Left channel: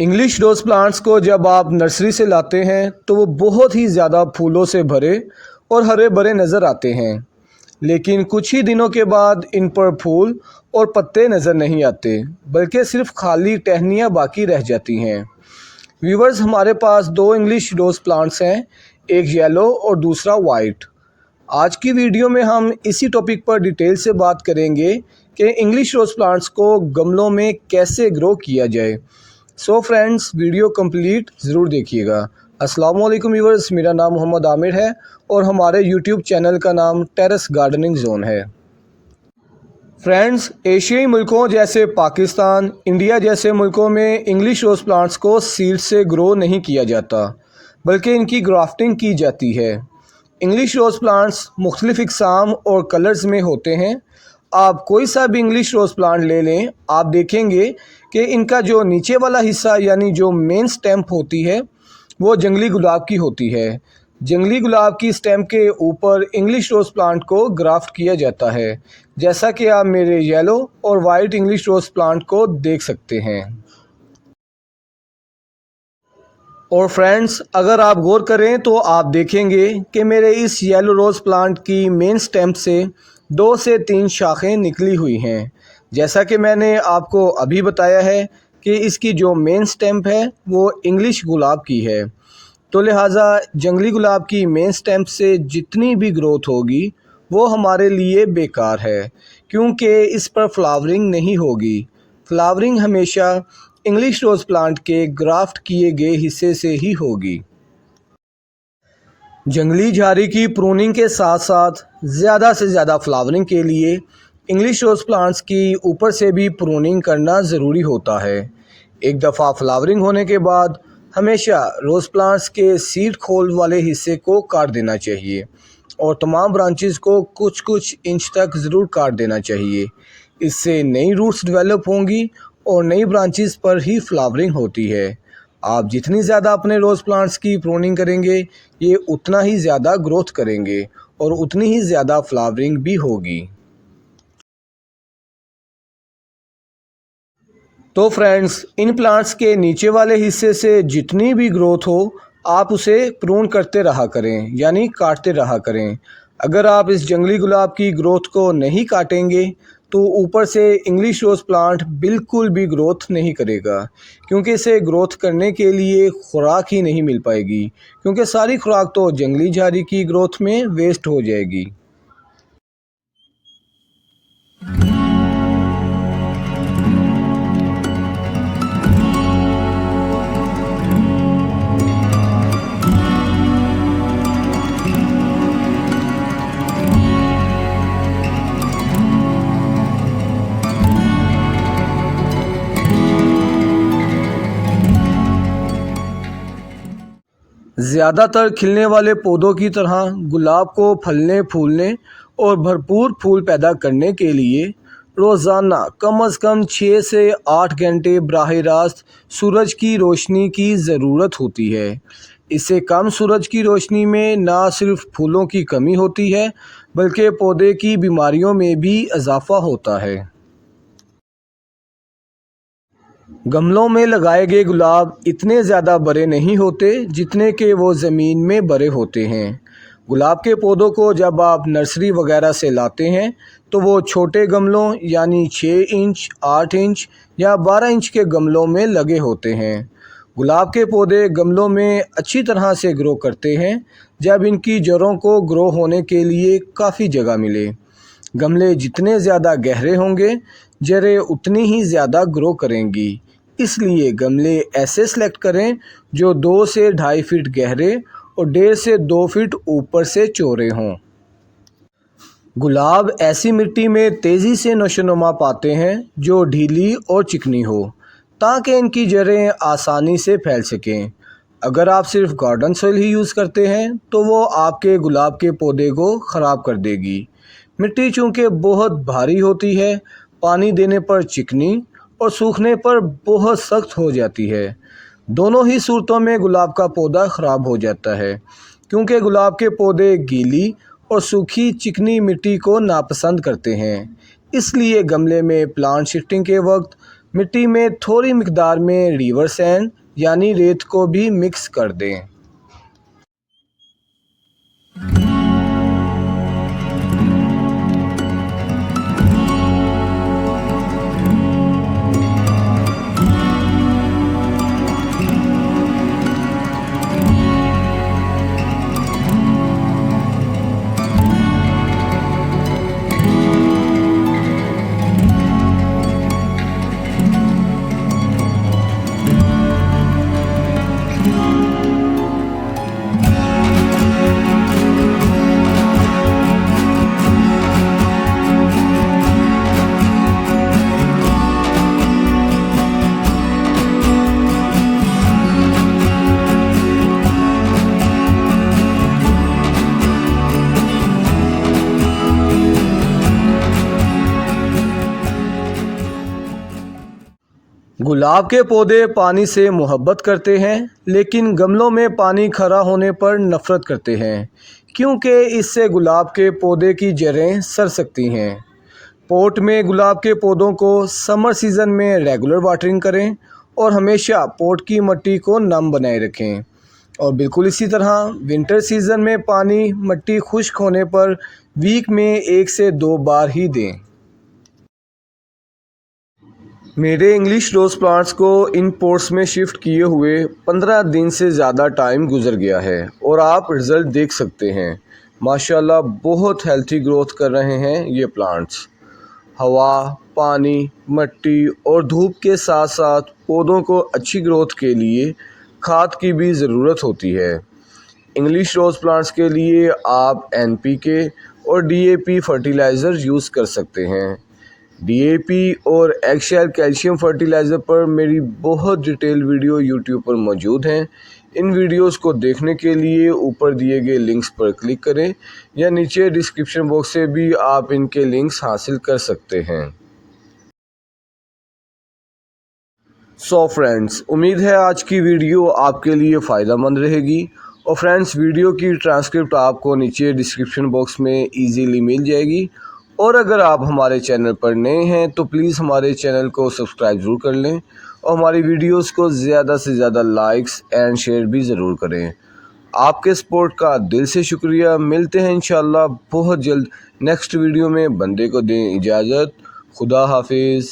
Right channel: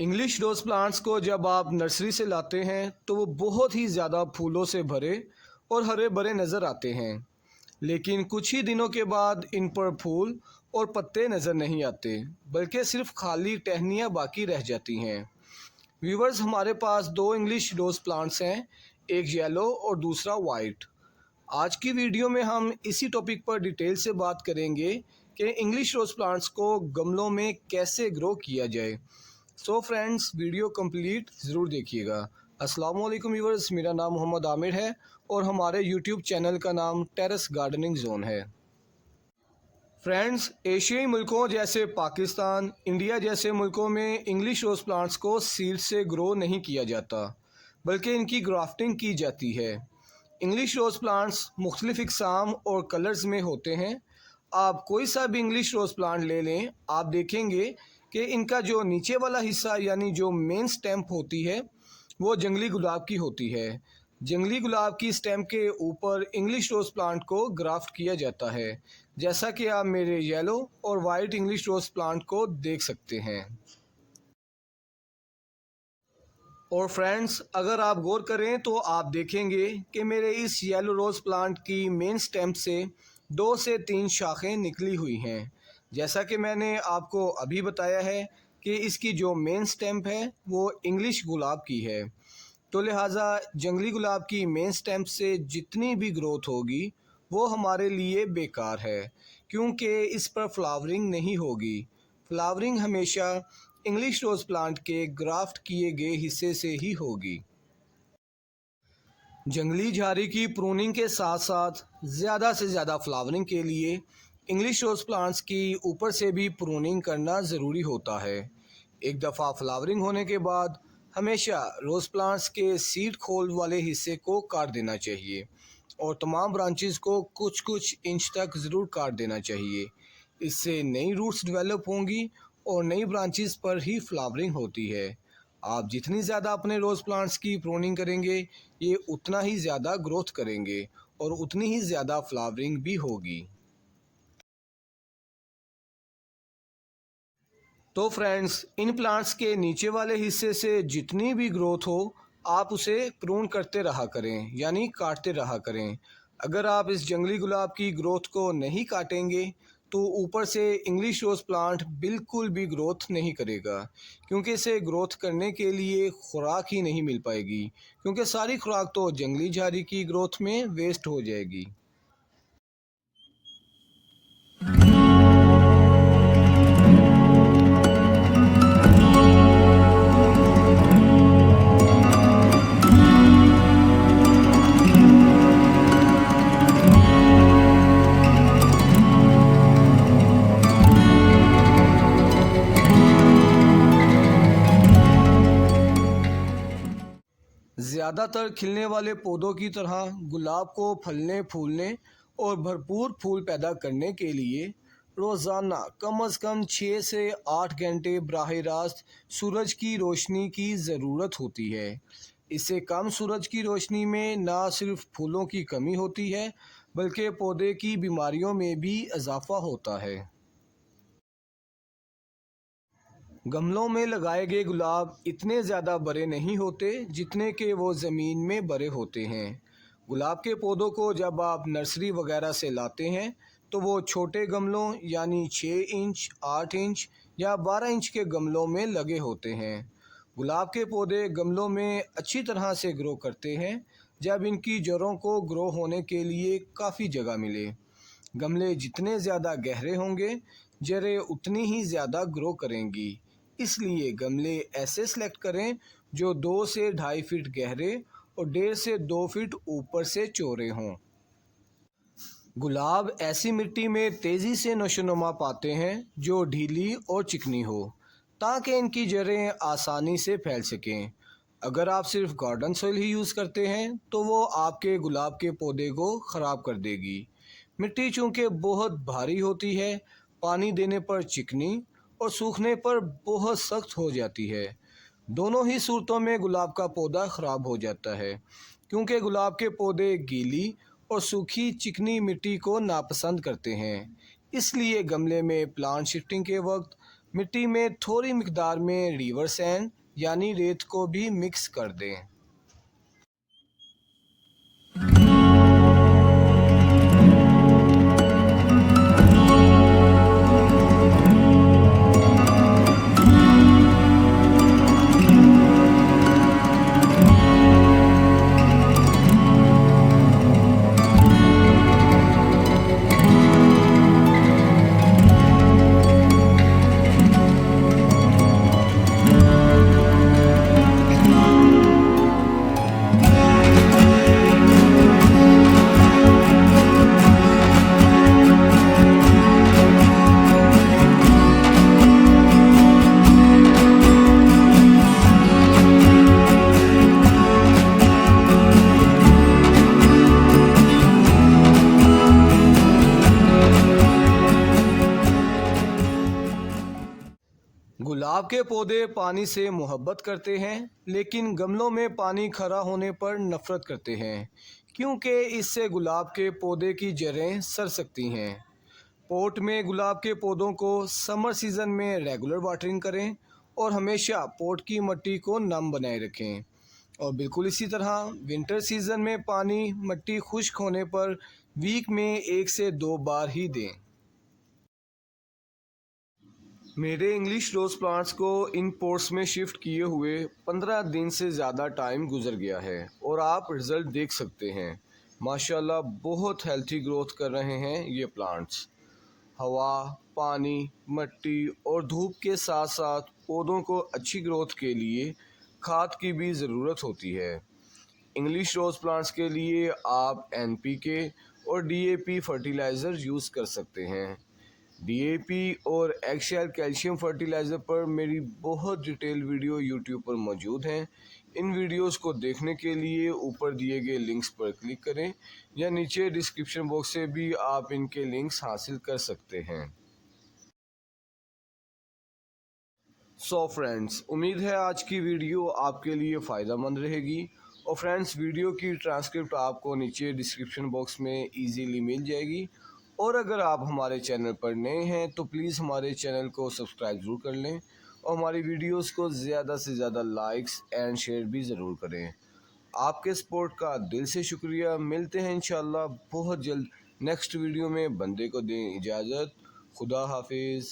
English रोज़ plants को जब आप नर्सरी से लाते हैं तो वो बहुत ही ज़्यादा फूलों से भरे और हरे भरे नज़र आते हैं, लेकिन कुछ ही दिनों के बाद इन पर फूल और पत्ते नज़र नहीं आते, बल्कि सिर्फ खाली टहनियाँ बाकी रह जाती हैं। व्यूवर्स, हमारे पास दो इंग्लिश रोज़ प्लांट्स हैं, एक येलो और दूसरा वाइट। आज की वीडियो में हम इसी टॉपिक पर डिटेल से बात करेंगे कि इंग्लिश रोज़ प्लांट्स को गमलों में कैसे ग्रो किया जाए। सो फ्रेंड्स, वीडियो कंप्लीट ज़रूर देखिएगा। अस्सलाम वालेकुम व्यूअर्स, मेरा नाम मोहम्मद आमिर है और हमारे यूट्यूब चैनल का नाम टेरेस गार्डनिंग जोन है। फ्रेंड्स, एशियाई मुल्कों जैसे पाकिस्तान, इंडिया जैसे मुल्कों में इंग्लिश रोज़ प्लांट्स को सीड से ग्रो नहीं किया जाता, बल्कि इनकी ग्राफ्टिंग की जाती है। इंग्लिश रोज़ प्लांट्स मुख्तलिफ़ इक़साम और कलर्स में होते हैं। आप कोई सा भी इंग्लिश रोज़ प्लांट ले लें, आप देखेंगे कि इनका जो नीचे वाला हिस्सा यानी जो मेन स्टेम्प होती है वो जंगली गुलाब की होती है। जंगली गुलाब की स्टेम के ऊपर इंग्लिश रोज़ प्लांट को ग्राफ्ट किया जाता है, जैसा कि आप मेरे येलो और वाइट इंग्लिश रोज़ प्लांट को देख सकते हैं। और फ्रेंड्स, अगर आप गौर करें तो आप देखेंगे कि मेरे इस येलो रोज़ प्लांट की मेन स्टेम से 2 से 3 शाखें निकली हुई हैं। जैसा कि मैंने आपको अभी बताया है कि इसकी जो मेन स्टेम है वो इंग्लिश गुलाब की है, तो लिहाजा जंगली गुलाब की मेन स्टेम से जितनी भी ग्रोथ होगी वो हमारे लिए बेकार है, क्योंकि इस पर फ्लावरिंग नहीं होगी। फ्लावरिंग हमेशा इंग्लिश रोज़ प्लांट के ग्राफ्ट किए गए हिस्से से ही होगी। जंगली झाड़ी की प्रूनिंग के साथ साथ ज़्यादा से ज़्यादा फ्लावरिंग के लिए इंग्लिश रोज़ प्लांट्स की ऊपर से भी प्रूनिंग करना ज़रूरी होता है। एक दफ़ा फ्लावरिंग होने के बाद हमेशा रोज़ प्लांट्स के सीड खोल वाले हिस्से को काट देना चाहिए और तमाम ब्रांचेस को कुछ कुछ इंच तक ज़रूर काट देना चाहिए। इससे नई रूट्स डेवलप होंगी और नई ब्रांचेस पर ही फ्लावरिंग होती है। आप जितनी ज़्यादा अपने रोज़ प्लांट्स की प्रूनिंग करेंगे, ये उतना ही ज़्यादा ग्रोथ करेंगे और उतनी ही ज़्यादा फ्लावरिंग भी होगी। तो फ्रेंड्स, इन प्लांट्स के नीचे वाले हिस्से से जितनी भी ग्रोथ हो आप उसे प्रून करते रहा करें, यानी काटते रहा करें। अगर आप इस जंगली गुलाब की ग्रोथ को नहीं काटेंगे तो ऊपर से इंग्लिश रोज़ प्लांट बिल्कुल भी ग्रोथ नहीं करेगा, क्योंकि इसे ग्रोथ करने के लिए खुराक ही नहीं मिल पाएगी, क्योंकि सारी खुराक तो जंगली झाड़ी की ग्रोथ में वेस्ट हो जाएगी। ज़्यादातर खिलने वाले पौधों की तरह गुलाब को फलने फूलने और भरपूर फूल पैदा करने के लिए रोज़ाना कम से कम 6 से 8 घंटे बराह रास्त सूरज की रोशनी की ज़रूरत होती है। इससे कम सूरज की रोशनी में ना सिर्फ फूलों की कमी होती है, बल्कि पौधे की बीमारियों में भी इजाफ़ा होता है। गमलों में लगाए गए गुलाब इतने ज़्यादा बड़े नहीं होते जितने कि वो ज़मीन में बड़े होते हैं। गुलाब के पौधों को जब आप नर्सरी वगैरह से लाते हैं तो वो छोटे गमलों यानी 6 इंच, 8 इंच या 12 इंच के गमलों में लगे होते हैं। गुलाब के पौधे गमलों में अच्छी तरह से ग्रो करते हैं जब इनकी जड़ों को ग्रो होने के लिए काफ़ी जगह मिले। गमले जितने ज़्यादा गहरे होंगे, जड़ें उतनी ही ज़्यादा ग्रो करेंगी। इसलिए गमले ऐसे सेलेक्ट करें जो 2 से 2.5 फीट गहरे और 1.5 से 2 फीट ऊपर से चौड़े हों। गुलाब ऐसी मिट्टी में तेज़ी से नशोनुमा पाते हैं जो ढीली और चिकनी हो, ताकि इनकी जड़ें आसानी से फैल सकें। अगर आप सिर्फ गार्डन सॉइल ही यूज़ करते हैं तो वो आपके गुलाब के पौधे को ख़राब कर देगी। मिट्टी चूँकि बहुत भारी होती है, पानी देने पर चिकनी और सूखने पर बहुत सख्त हो जाती है। दोनों ही सूरतों में गुलाब का पौधा ख़राब हो जाता है, क्योंकि गुलाब के पौधे गीली और सूखी चिकनी मिट्टी को नापसंद करते हैं। इसलिए गमले में प्लांट शिफ्टिंग के वक्त मिट्टी में थोड़ी मिकदार में रिवर सैंड यानी रेत को भी मिक्स कर दें। गुलाब के पौधे पानी से मोहब्बत करते हैं, लेकिन गमलों में पानी खरा होने पर नफ़रत करते हैं, क्योंकि इससे गुलाब के पौधे की जड़ें सड़ सकती हैं। पॉट में गुलाब के पौधों को समर सीज़न में रेगुलर वाटरिंग करें और हमेशा पॉट की मिट्टी को नम बनाए रखें। और बिल्कुल इसी तरह विंटर सीज़न में पानी मिट्टी खुश्क होने पर वीक में 1 से 2 बार ही दें। मेरे इंग्लिश रोज़ प्लांट्स को इन पॉट्स में शिफ्ट किए हुए 15 दिन से ज़्यादा टाइम गुजर गया है और आप रिज़ल्ट देख सकते हैं। माशाल्लाह बहुत हेल्थी ग्रोथ कर रहे हैं ये प्लांट्स। हवा, पानी, मिट्टी और धूप के साथ साथ पौधों को अच्छी ग्रोथ के लिए खाद की भी ज़रूरत होती है। इंग्लिश रोज़ प्लांट्स के लिए आप NPK और DAP फर्टिलाइज़र यूज़ कर सकते हैं। DAP और एक्सेल कैल्शियम फर्टिलाइज़र पर मेरी बहुत डिटेल वीडियो यूट्यूब पर मौजूद हैं। इन वीडियोस को देखने के लिए ऊपर दिए गए लिंक्स पर क्लिक करें या नीचे डिस्क्रिप्शन बॉक्स से भी आप इनके लिंक्स हासिल कर सकते हैं। सो फ्रेंड्स, उम्मीद है आज की वीडियो आपके लिए फ़ायदा मंद रहेगी। और फ्रेंड्स, वीडियो की ट्रांसक्रिप्ट आपको नीचे डिस्क्रिप्शन बॉक्स में इजीली मिल जाएगी। और अगर आप हमारे चैनल पर नए हैं तो प्लीज़ हमारे चैनल को सब्सक्राइब ज़रूर कर लें और हमारी वीडियोस को ज़्यादा से ज़्यादा लाइक्स एंड शेयर भी ज़रूर करें। आपके सपोर्ट का दिल से शुक्रिया। मिलते हैं इंशाल्लाह बहुत जल्द नेक्स्ट वीडियो में। बंदे को दें इजाज़त। खुदा हाफिज़।